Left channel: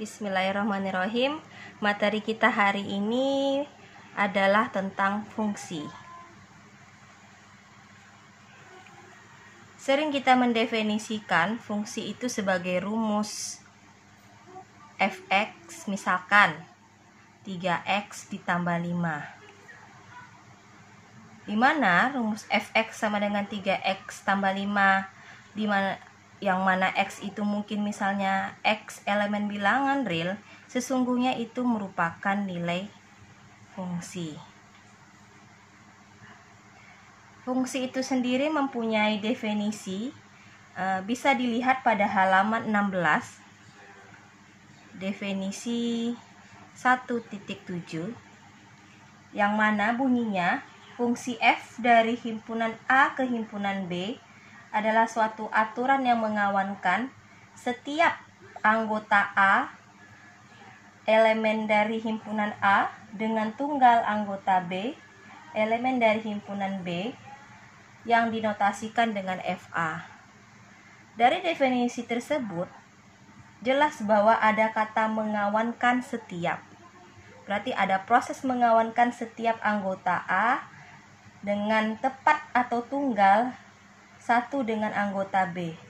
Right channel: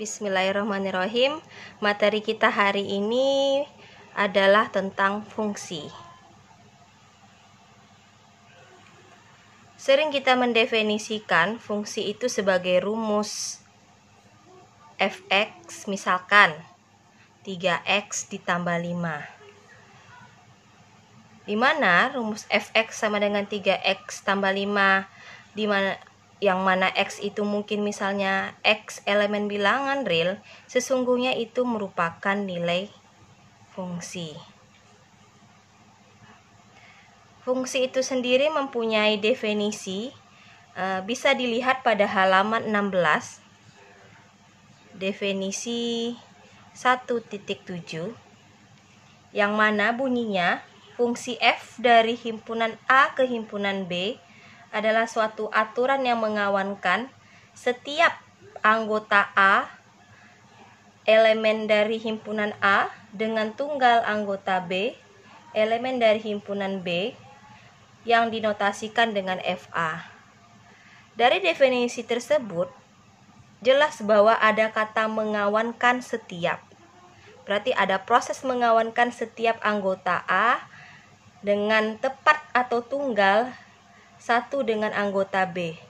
Bismillahirrahmanirrahim. Materi kita hari ini adalah tentang fungsi. Sering kita mendefinisikan fungsi itu sebagai rumus fx, misalkan 3x ditambah 5. Di mana rumus fx sama dengan 3x tambah 5, yang mana x itu mungkin misalnya x elemen bilangan real, sesungguhnya itu merupakan nilai fungsi. Fungsi itu sendiri mempunyai definisi, bisa dilihat pada halaman 16, definisi 1.7, yang mana bunyinya fungsi f dari himpunan A ke himpunan B adalah suatu aturan yang mengawankan setiap anggota A elemen dari himpunan A dengan tunggal anggota B elemen dari himpunan B yang dinotasikan dengan FA. Dari definisi tersebut jelas bahwa ada kata mengawankan setiap. Berarti ada proses mengawankan setiap anggota A dengan tepat atau tunggal satu dengan anggota B.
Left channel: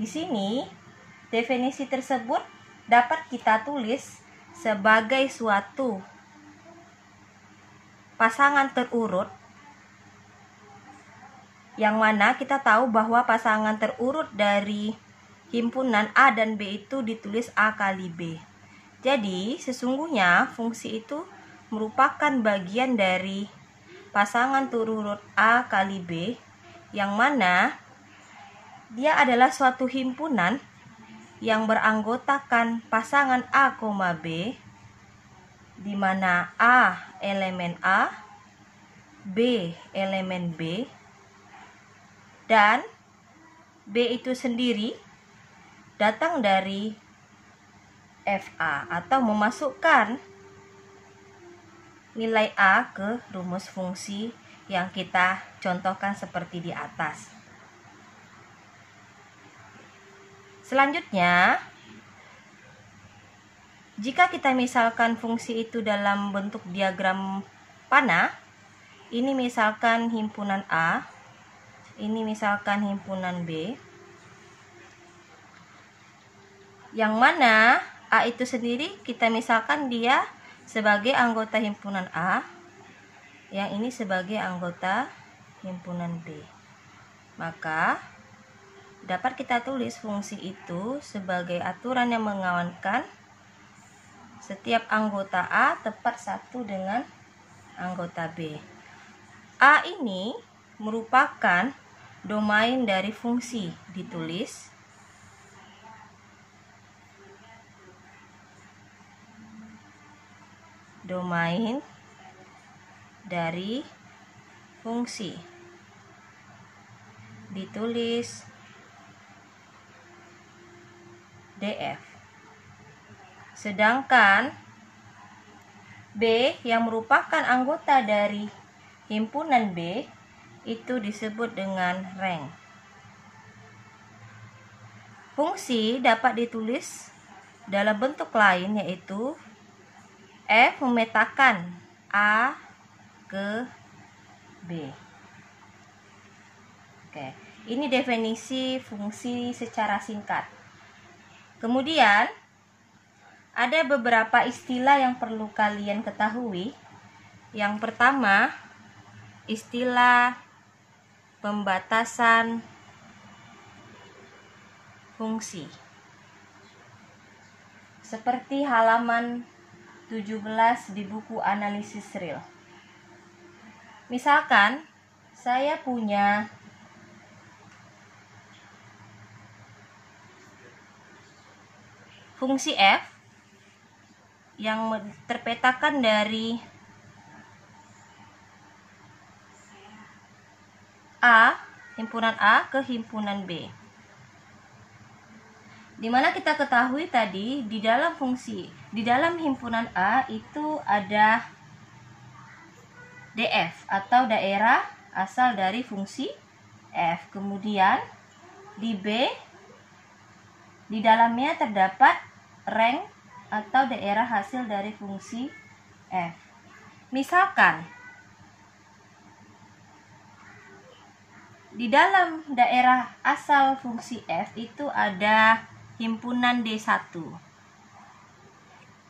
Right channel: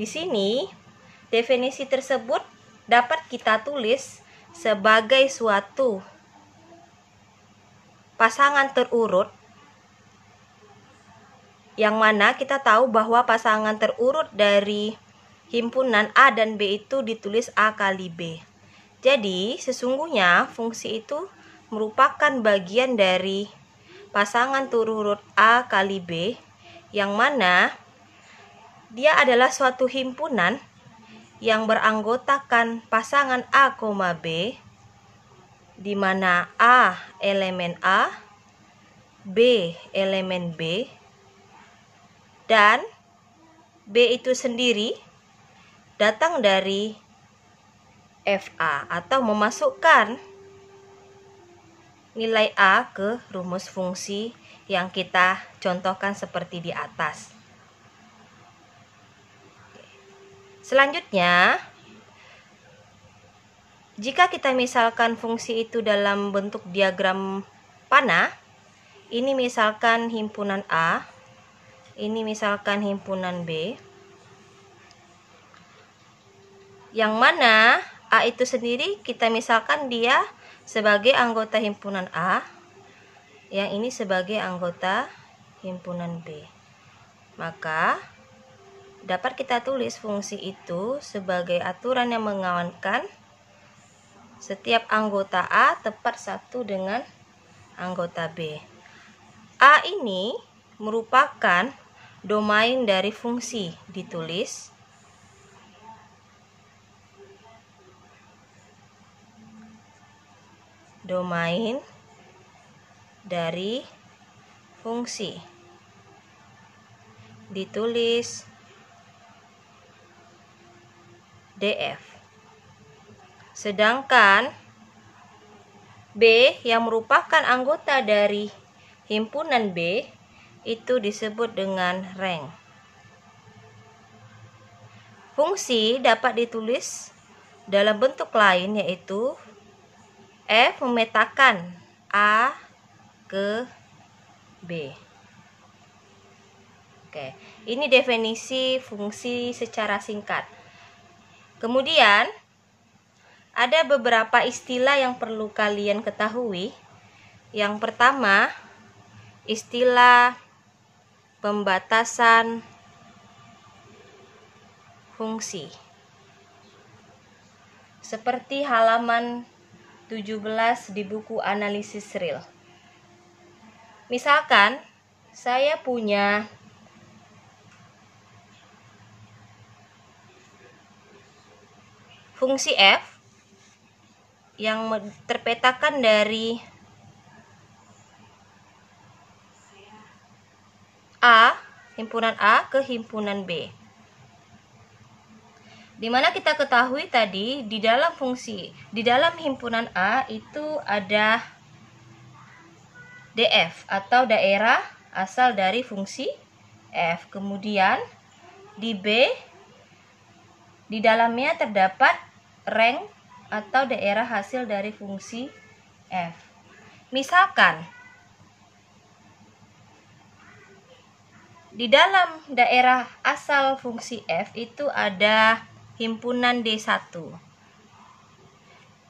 Di sini, definisi tersebut dapat kita tulis sebagai suatu pasangan terurut, yang mana kita tahu bahwa pasangan terurut dari himpunan A dan B itu ditulis A kali B. Jadi, sesungguhnya fungsi itu merupakan bagian dari pasangan terurut A kali B, yang mana dia adalah suatu himpunan yang beranggotakan pasangan A, B, di mana A elemen A, B elemen B, dan B itu sendiri datang dari FA atau memasukkan nilai A ke rumus fungsi yang kita contohkan seperti di atas. Selanjutnya, jika kita misalkan fungsi itu dalam bentuk diagram panah, ini misalkan himpunan A, ini misalkan himpunan B, yang mana A itu sendiri kita misalkan dia sebagai anggota himpunan A, yang ini sebagai anggota himpunan B. Maka dapat kita tulis fungsi itu sebagai aturan yang mengawankan setiap anggota A tepat satu dengan anggota B. A ini merupakan domain dari fungsi, ditulis domain dari fungsi, ditulis DF. Sedangkan B yang merupakan anggota dari himpunan B itu disebut dengan rank. Fungsi dapat ditulis dalam bentuk lain, yaitu F memetakan A ke B. Oke, ini definisi fungsi secara singkat. Kemudian ada beberapa istilah yang perlu kalian ketahui. Yang pertama, istilah pembatasan fungsi. Seperti halaman 17 di buku analisis real. Misalkan saya punya fungsi f yang terpetakan dari A, himpunan A ke himpunan B. Dimana kita ketahui tadi di dalam himpunan A itu ada DF atau daerah asal dari fungsi f. Kemudian di B, di dalamnya terdapat rank atau daerah hasil dari fungsi f. Misalkan di dalam daerah asal fungsi f itu ada himpunan D1.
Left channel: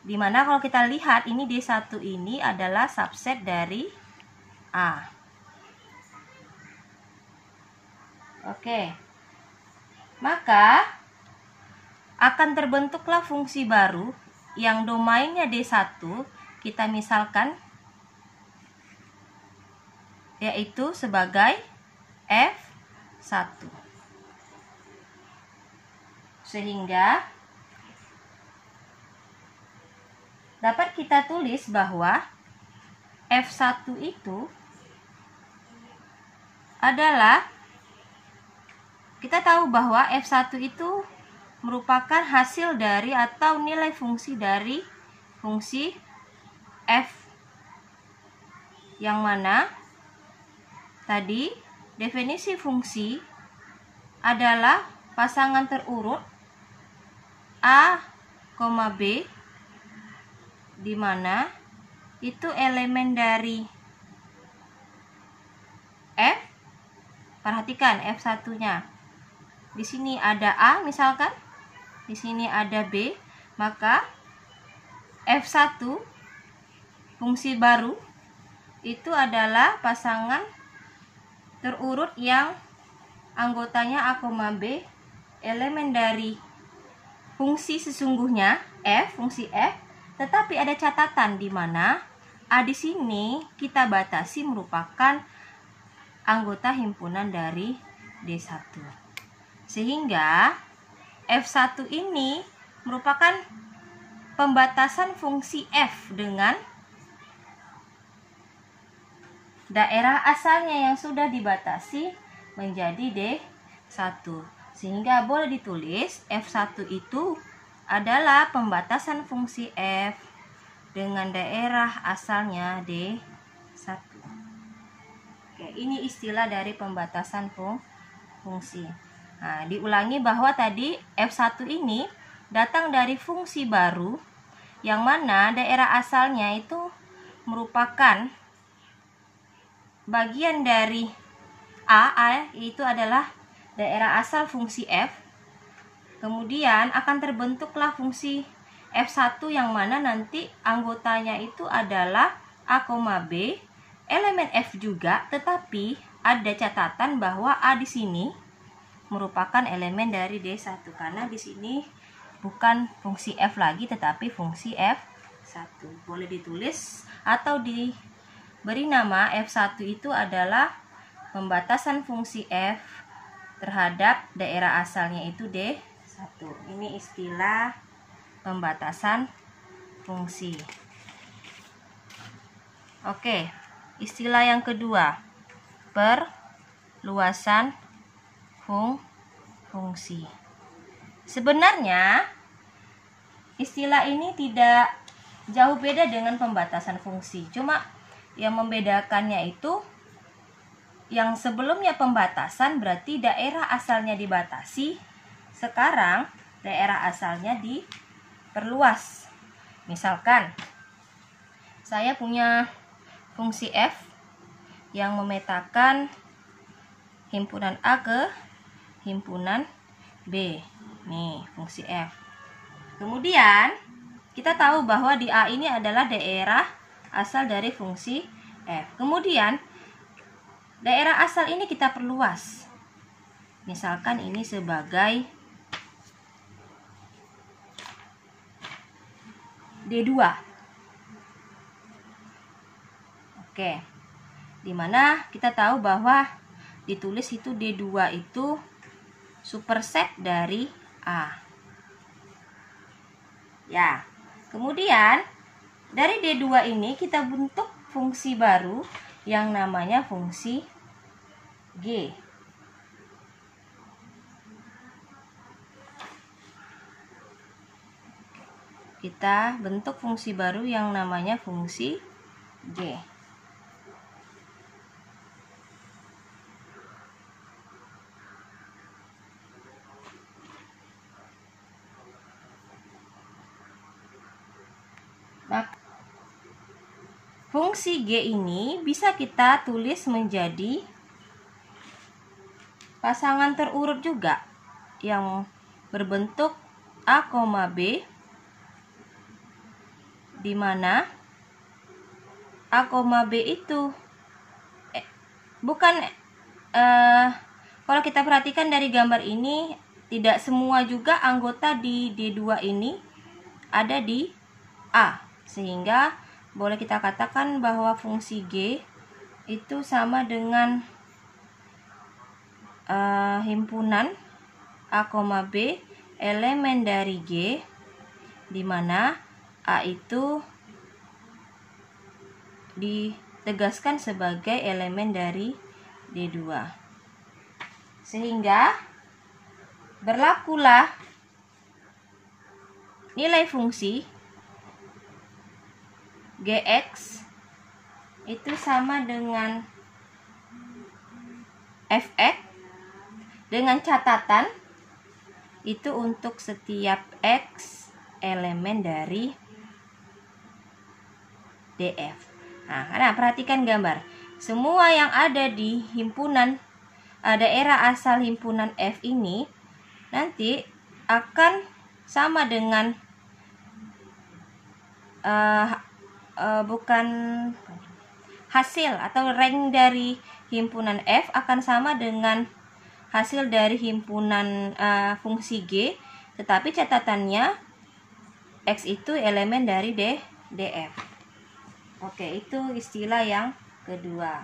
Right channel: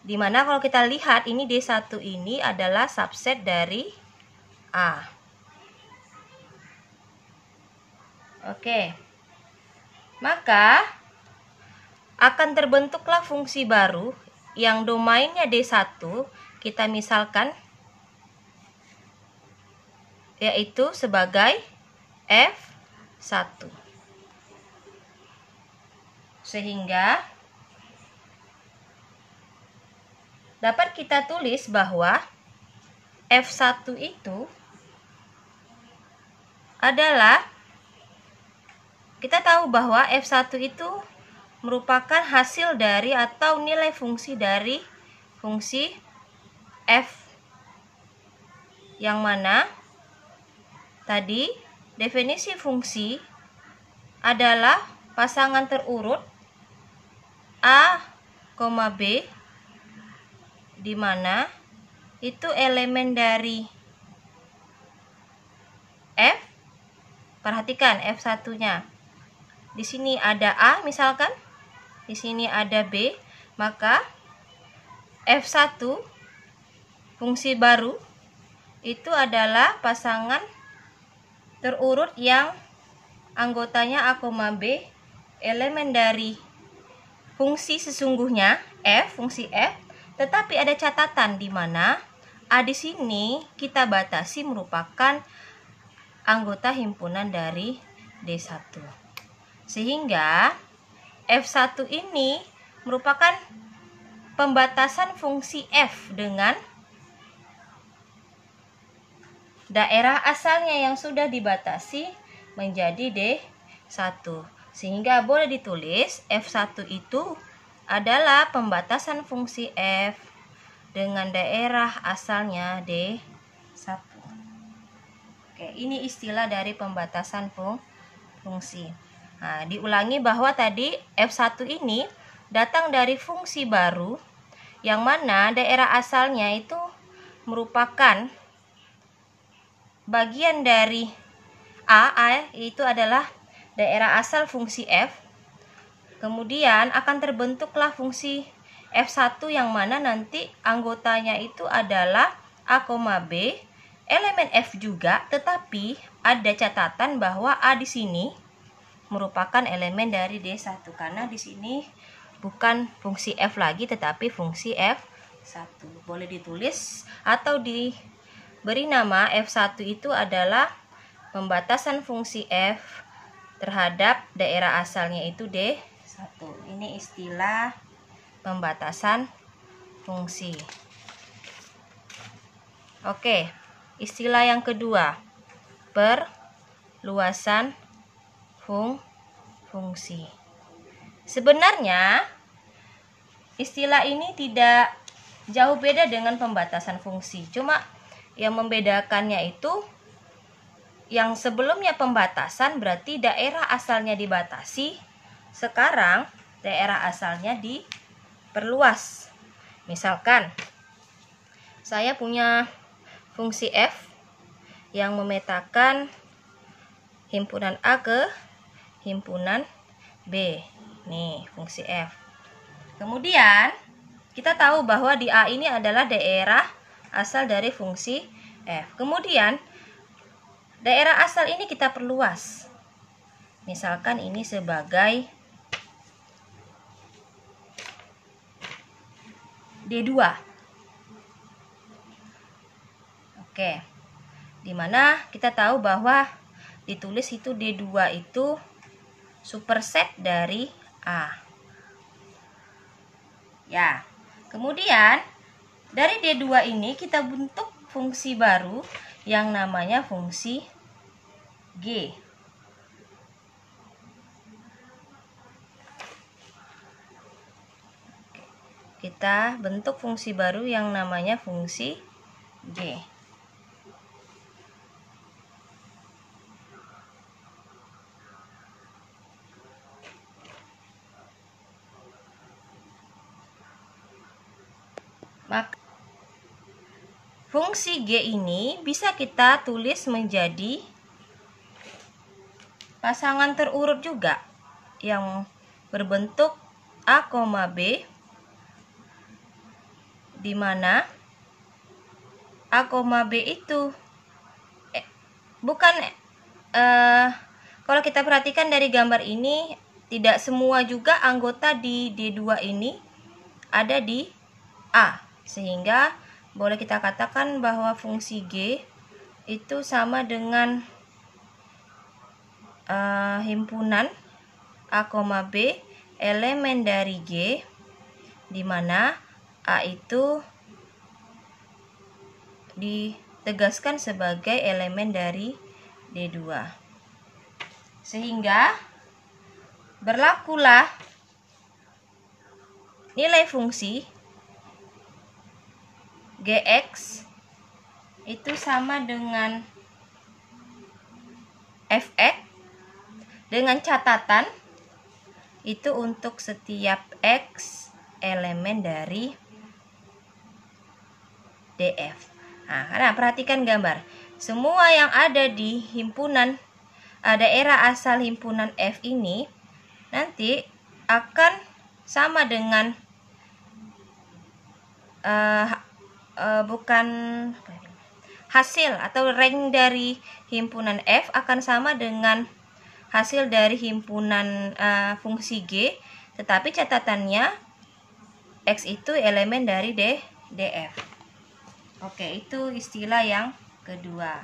Dimana kalau kita lihat ini D1 ini adalah subset dari A. Oke. Maka akan terbentuklah fungsi baru yang domainnya D1, kita misalkan yaitu sebagai F1. Sehingga dapat kita tulis bahwa F1 itu adalah, kita tahu bahwa F1 itu merupakan hasil dari atau nilai fungsi dari fungsi f, yang mana tadi definisi fungsi adalah pasangan terurut A, B, di mana itu elemen dari f. Perhatikan F1-nya. Di sini ada A misalkan, di sini ada B, maka F1 fungsi baru itu adalah pasangan terurut yang anggotanya A, B, elemen dari fungsi sesungguhnya f, fungsi f, tetapi ada catatan di mana A di sini kita batasi merupakan anggota himpunan dari D1. Sehingga F1 ini merupakan pembatasan fungsi f dengan daerah asalnya yang sudah dibatasi menjadi D1. Sehingga boleh ditulis F1 itu adalah pembatasan fungsi f dengan daerah asalnya D1. Oke, ini istilah dari pembatasan fungsi. Nah, diulangi bahwa tadi F1 ini datang dari fungsi baru yang mana daerah asalnya itu merupakan bagian dari A itu adalah daerah asal fungsi f. Kemudian akan terbentuklah fungsi F1 yang mana nanti anggotanya itu adalah A, B, elemen F juga, tetapi ada catatan bahwa A di sini merupakan elemen dari D1 karena di sini bukan fungsi F lagi tetapi fungsi F1. Boleh ditulis atau diberi nama F1 itu adalah pembatasan fungsi F terhadap daerah asalnya itu D1. Ini istilah pembatasan fungsi. Oke, istilah yang kedua, perluasan fungsi. Sebenarnya istilah ini tidak jauh beda dengan pembatasan fungsi. Cuma yang membedakannya itu yang sebelumnya pembatasan berarti daerah asalnya dibatasi, sekarang daerah asalnya diperluas. Misalkan saya punya fungsi f yang memetakan himpunan A ke himpunan B. Nih, fungsi f. Kemudian kita tahu bahwa di A ini adalah daerah asal dari fungsi f. Kemudian daerah asal ini kita perluas. Misalkan ini sebagai D2. Oke. Dimana kita tahu bahwa ditulis itu D2 itu superset dari A. Ya. Kemudian dari D2 ini kita bentuk fungsi baru yang namanya fungsi G. Kita bentuk fungsi baru yang namanya fungsi G. Maka fungsi G ini bisa kita tulis menjadi pasangan terurut juga yang berbentuk A, B, di mana A, B itu kalau kita perhatikan dari gambar ini, tidak semua juga anggota di D2 ini ada di A, sehingga boleh kita katakan bahwa fungsi G itu sama dengan himpunan A, B elemen dari G, di mana A itu ditegaskan sebagai elemen dari D2. Sehingga berlakulah nilai fungsi Gx itu sama dengan Fx dengan catatan itu untuk setiap X elemen dari DF. Nah, perhatikan gambar. Semua yang ada di himpunan daerah asal himpunan F ini nanti akan sama dengan hasil atau rank dari himpunan F akan sama dengan hasil dari himpunan fungsi G, tetapi catatannya X itu elemen dari DF. Oke, itu istilah yang kedua.